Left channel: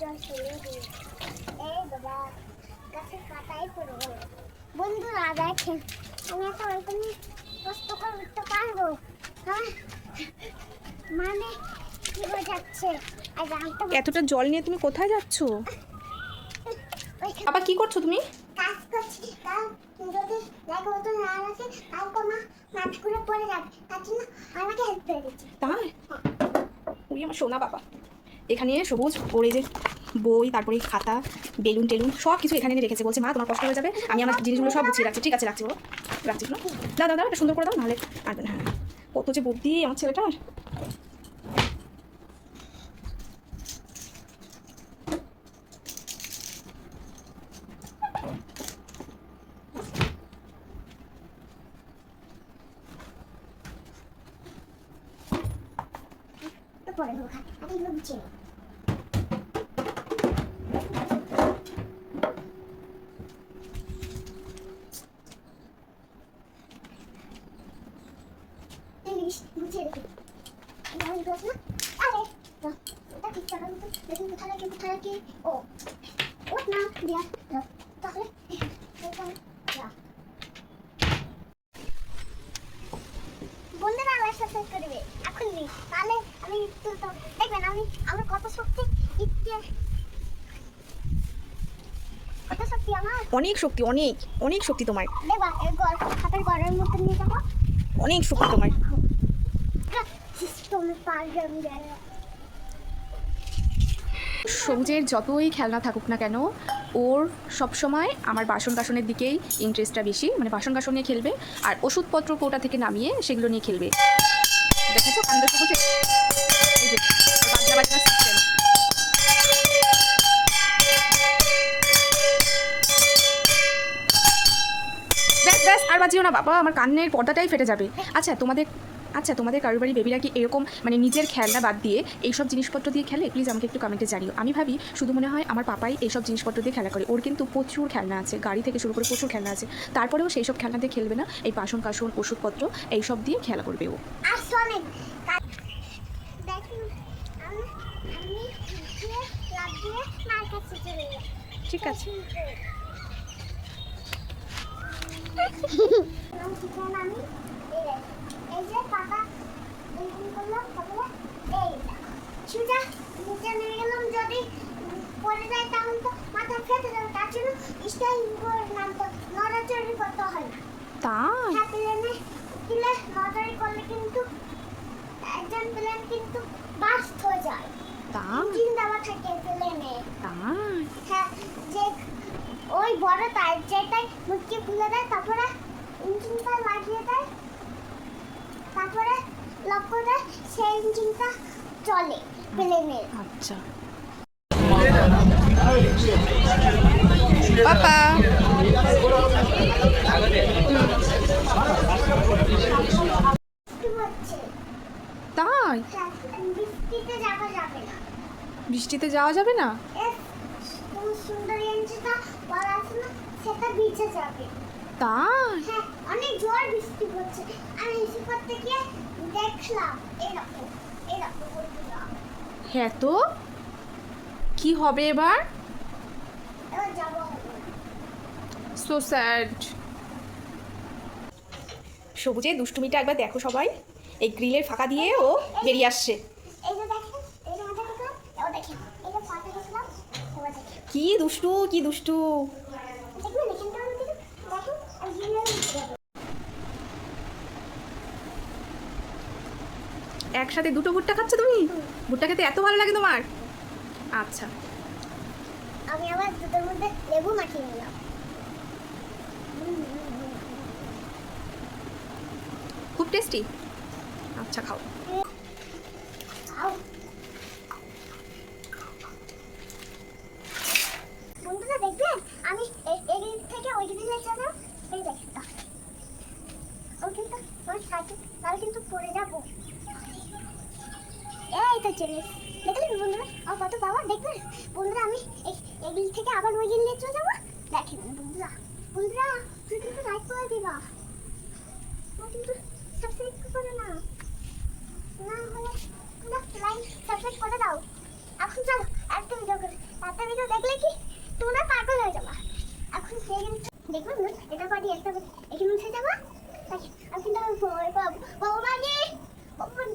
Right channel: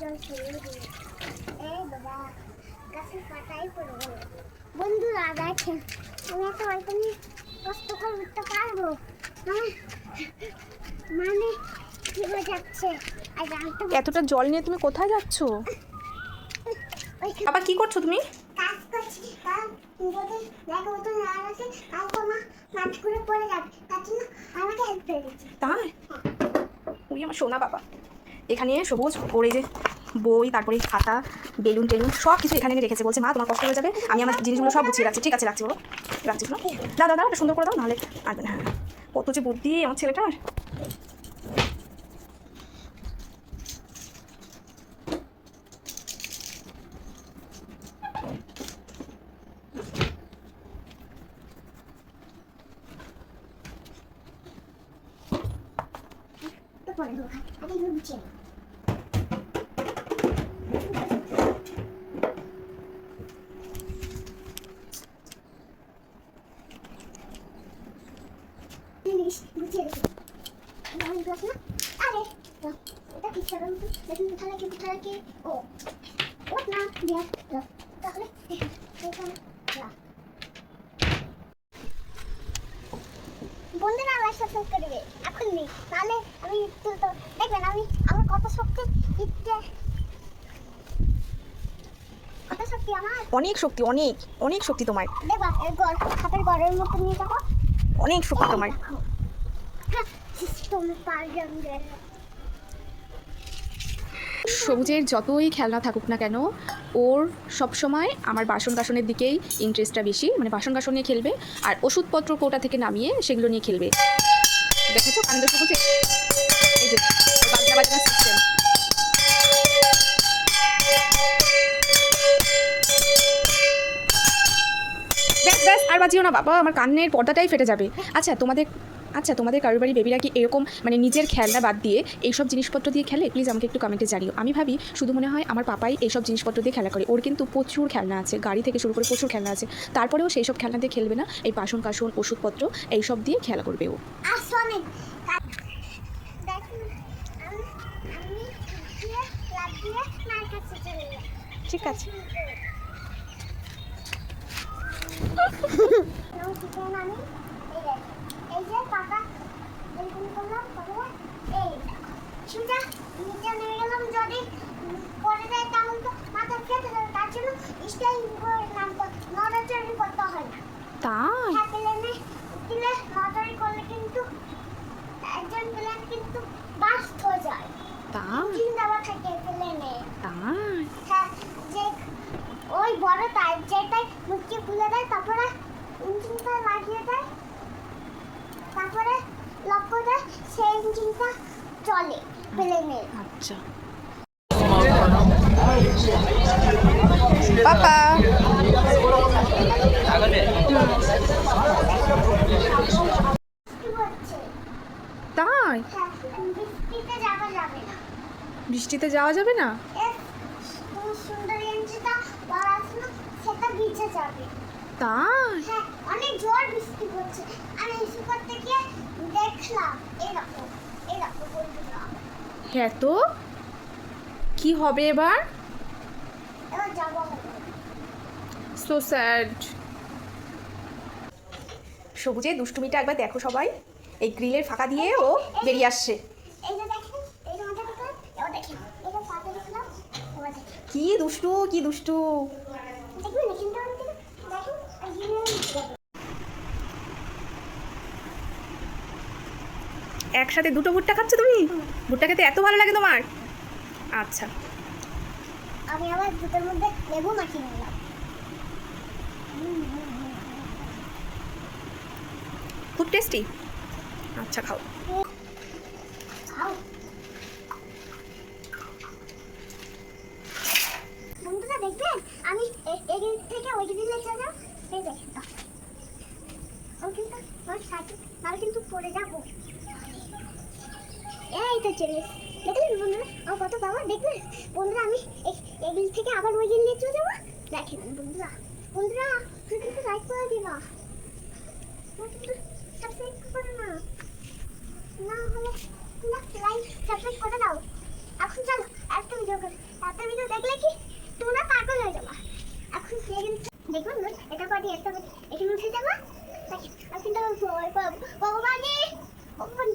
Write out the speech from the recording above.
জল ফেলে দিই। এই বাবা গাছের পাতাই পড়ে গেল। বন্ধুরা দেখেন আমি এত অল্প কষ্ট করে উঠতে পারবো? হ্যাঁ মানে কি হয়ে যাচ্ছে। আর জানতে এতটা জল নিয়ে তুমি কোথায় যাচ্ছ? বাবা কি করছো তুমি? কাজ করছি। কাল যদি দেখো তো না আসে কাল তো মা নাচ করে পড়ে যাবে, তার জন্য আমাকে হেল্প করে দিচ্ছে। তাই ওই আমার সোনা বাবা। এখানে সবুজ ওর এই যে বই, তারপরে খাতা, বেলুন টেলুন সব কিছু এখানে এনে রেখেছে। বলছে মা তোমার কষ্ট হয়ে যাবে, আমি আমার জিনিসগুলো সব গুছিয়ে রাখছি। ঠিক আছে রাখছি বাবা, রাখছি শোনো। দাদা দাদা এটা সুন্দর করে দাও, নাহলে আসবে না। হ্যাঁ কত যে বুদ্ধি আমার ছেলেটার। তো পরে দেবো, আগে এগুলো গুছিয়ে নাও। গুছিয়ে রেখে আমি গ্লাস না। আরে এটা ঠিক করো তো, দেখুন কোথায় রাখি। ও ওট না দিয়া তাহলে বন্ধুরা আমার সাবস্ক্রাইব করবে এখন নেই, তাহলে আমি তো দেখবেন আমি আমার কত শক্তি ইচ্ছে, কত শক্তি আমার। অনেক শক্তি, অনেক অনেক শক্তি তোমার। দেখবা এই খাতার ঘরের মতো নিয়ে যাবো, অনেক শক্তি তোমার। সবুজের যতই খেলনা থাকুক না কেন, ওর সবসময় আমার বাসন কাসনের দিকেই ইন্টারেস্টটা বেশি। মানে বাসন কাসন নিয়ে খেলবে, আর ওষুধপত্র কোটা থেকে নামিয়ে সেগুলো নিয়ে খেলবে। দেখেছো কান্দ সবুজে এই যে বাজনা বাজনা সিস্টেম। ব্যাস ব্যাস আর বাজিও না বাবা, আমার কান্নের পর্দাটাই ফেটে যাবে। তোমাদের কারোর বাড়ি বেবিরা কি এরকম মানে নিজের খেলনা বাদ দিয়ে এইসব জিনিসপত্র দিয়ে খেলে? প্লিজ আমাকে একটু কমেন্টে জানিও। আমি ভাবি শুধু মনে হয় আমার পাপাই এইসব জিনিসপত্র দিয়ে খেলা করে। ওর কিন্তু প্রচুর খেলনা আছে, গাড়ি থেকে শুরু করে প্রচুর খেলনা আছে। তারপরেও সেই সব খেলনা দিয়ে খেলবে না, এই বাসন কাসন ওষুধপত্র এইসব দিয়ে খেলা করবে ও। ঠিক আছে এই যে পাতা এরকম করলাম, তারপরে এই সোজা নিচে নেমে গেলাম, যদি পড়ে যায় তখন তো মাথা ফেটে যাবে, তার জন্য স্টাইল করে নামতে নড়াচড়ি করতে হয় না। তাই প্লেনে উঠলে নড়াচড়ি করলে কিন্তু একজন প্লেন কিন্তু বাস্ট হয়ে যায়। তাই ইঞ্জিন দেওয়া থাকে প্লেনে। তাই হ্যাঁ, যে ওই বড় তার যেটাই মুখে খুলে দেয়, তারপরে ইঞ্জিনটা লাগিয়ে দেয়, তারপরে লক্ষ্য দেয়, সেই ইঞ্জিনটা চলে প্লেনে। আচ্ছা পাপা তাই বৃষ্টিতে যাওয়া যাবে না। বৃষ্টিতে যাওয়া যাবে না? সুন্দর ইঞ্জিনটা পড়াশোনা সেটা ভিজে যাবে। তাই হ্যাঁ, অনেক জোর বৃষ্টি পড়ছে। আমি এসে করতে গিয়ে দেখলাম এরকম বন্ধুরা। হ্যাঁ তো কি হবে এবার? এবার যাবো হবে না। So sad. সবুজে দুষ্টুমিটা একবার দেখো সবাই, এই গ্রিলের ফাঁকা দিয়ে ও বেরিয়ে আসছে। এই যে দেখেন, এই যে মাথা দেখলাম, এবার দেখেন এই যে পাতা দেখলাম, এবার দেখেন কি দুষ্টু কি দুষ্টু। দেখবেন এখানটা আমি দেখেন আর জিনিস যাবে। একসাথে দুটো ভুট্টা খাচ্ছ তুমি? ভুট্টা খেতে এত ভালো লাগে তোমার? আচ্ছা আমি আবার দুটোর মধ্যে লেবু মাখিয়ে নিলাম। খুব টেস্টি। আচ্ছা খাও। বন্ধুরা দেখবেন আমি এই থেকে ওই দিকে চলে যাব, এই দেখেন ও কিন্তু আমার সাথে তারা কিন্তু পড়ে যাবো। এই তো চলে দেখলেন বন্ধুরা আমার কত পাওয়ার। দেখবেন বন্ধুরা আমি এই দিক থেকে আবার ওই দিকে চলে যাবো। দেখেন বন্ধুরা তুমি কিন্তু লাইক করে দিবা, কিন্তু সাবস্ক্রাইব করে না, না হলে লাইক সাবস্ক্রাইব করে দাও। এখন চলো একদম যাও। একটা ভিডিও দেখলে কি তোমরা পাগল হয়ে যাবা। এখন দেখুন এটা পাটি একটা এখানে উঠে যাবা, আমি কিন্তু ভয় পাবো। ভগবান